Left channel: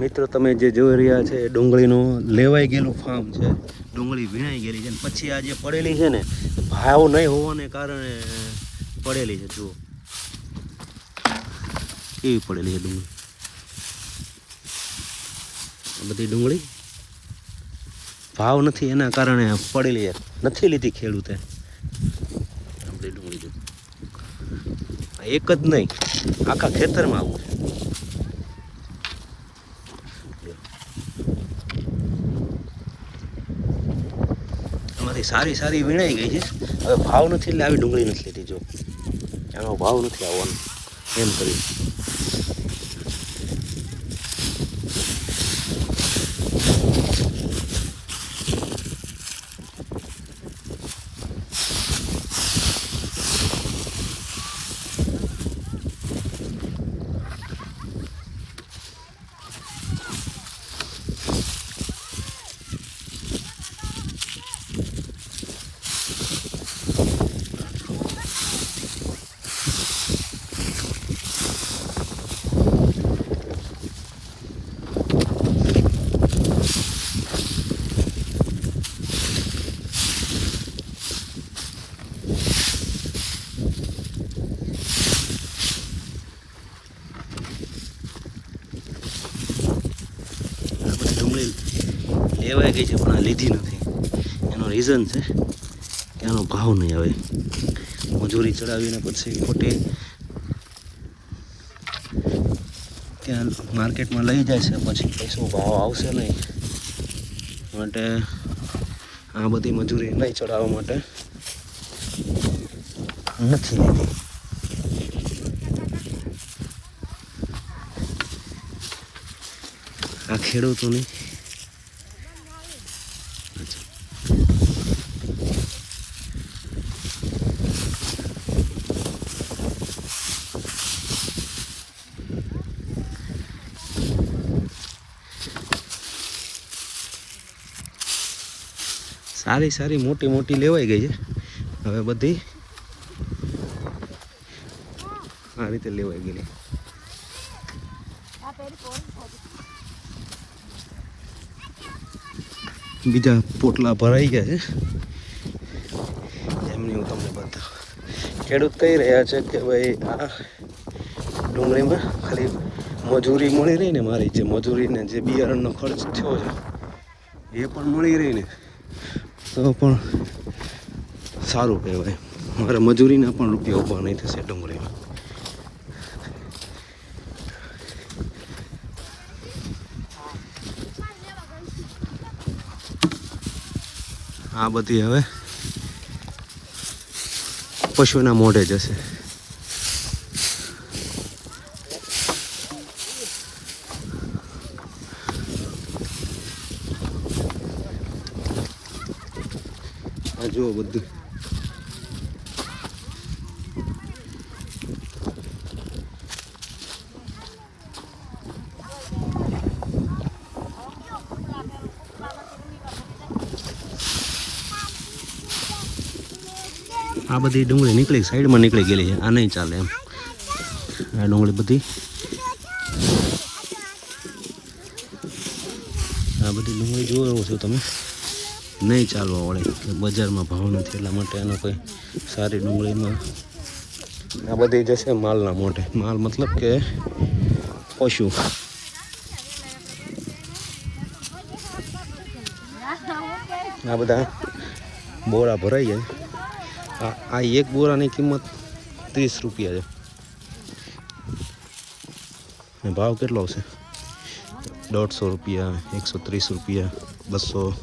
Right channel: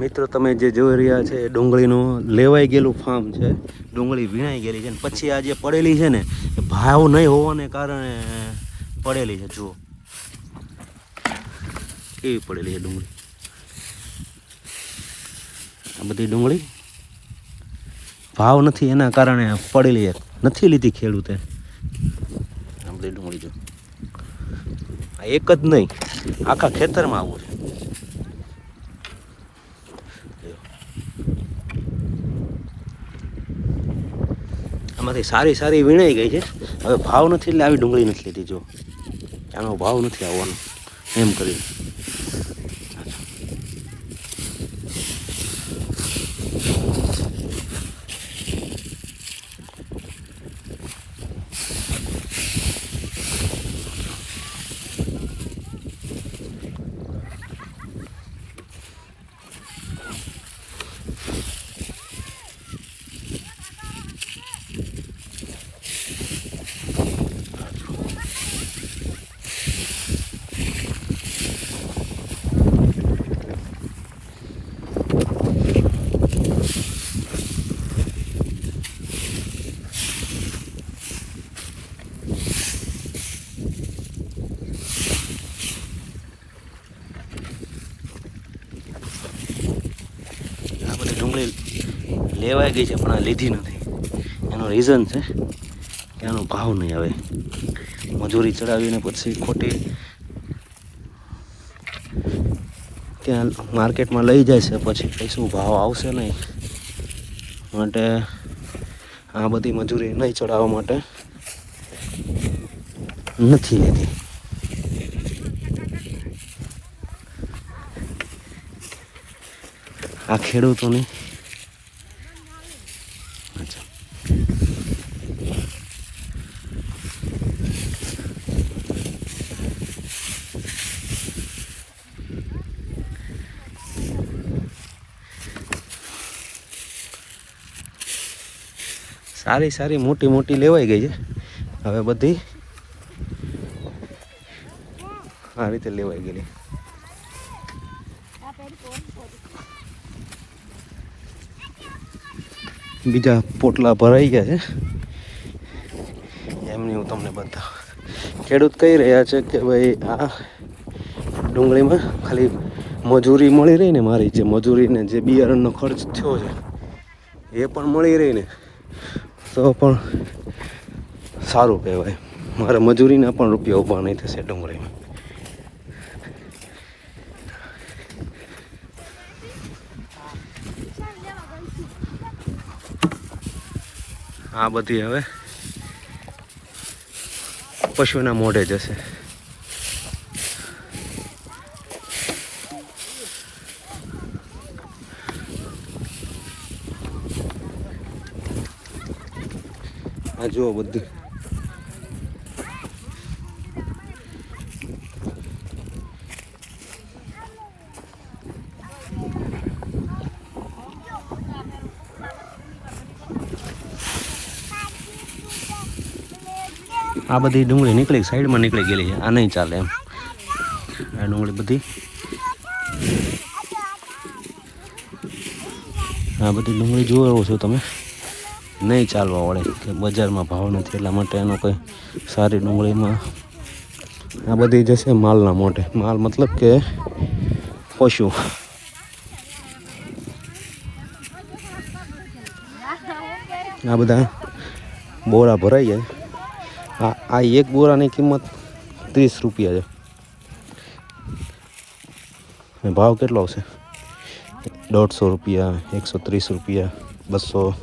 મિત્રો તમે જે જોઈ રહ્યા છે ડુંગળીનું લેવાઈ ગયેલું ફાર્મ છે. ડુંગળી વીણાઈ ગયેલી છે ને પછી આ જે પડેલી છે ને ભાવ નહીં હોવાને કારણે પડેલી છે. જુઓ કેવી પડેલી છે ડુંગળી. આ બધી ડુંગળી ભાવ નથી એના કારણે પડેલી છે, નથી લીધી ખેડૂતે. આ બધી ડુંગળી જો એક જ નહીં આખા ખેતરમાં આવું છે. આમાંથી સારી સારી વીણાઈ ગઈ છે. હવે ભાવ નથી એટલે આવી ડુંગળી નથી લીધી. જો આનો ભાવ નથી એમ કરી. ડુંગળી લેવાઈ ગઈ છે પણ આ લીધી નથી. એનો રીઝન છે કે આનો ભાવ નહીં આવે. મજૂરી ચડાવીને પછી ખોટી ત્યાં માર્કેટમાં લઈ જાય છે, પછી શું ભાવ આવશે નહીં માટે આ બધી મજૂરી નહીં ચડાવવા માટે નથી લીધી. આ ખેડૂતોની સારી સારી મોટી મોટી લેવાઈ ગઈ છે. હવે બધી આ રીતે લેવાઈ ગયેલી. બીજા પોટલા ભરાઈ ગયા છે. એમની હું તમને બતાવું. ખેડૂત કહી રહ્યા છે કે ભાઈ આ ડુંગળીમાં ખાલી મજૂરી મળી રહી ને, મારી જે મજૂરીને જે બિયારણનો ખર્ચ થયો છે એ પણ મળી રહી ને તો પણ સારું કહેવાય. મારે મજૂરીના પણ રૂપિયા ઊભા નહીં થશે ડુંગળીમાં. આ બધી હવે પશુના મોઢે જશે. આ જુઓ બધી આ બધી ડુંગળી નીકળી સાઈડમાં નીકળી ગયેલી છે. આ નહીં ચાલે એમ. આ ડુંગળી બધી આ બધી ડુંગળી જોવો છો તમે, નહીં ચાલવા વળે કે બજારમાં ભાવ નથી એટલા માટે એનો કોઈ સારી ડુંગળીમાં આ બધી જશે માલના મોઢે. માલ મતલબ કે પશુ. આ બધા બોરા ભરાઈ જાય. આ એક બોરાની કિંમત 30 રૂપિયા છે. ભાવ કેટલો આવશે? 150 રૂપિયા, 130 રૂપિયા, 200.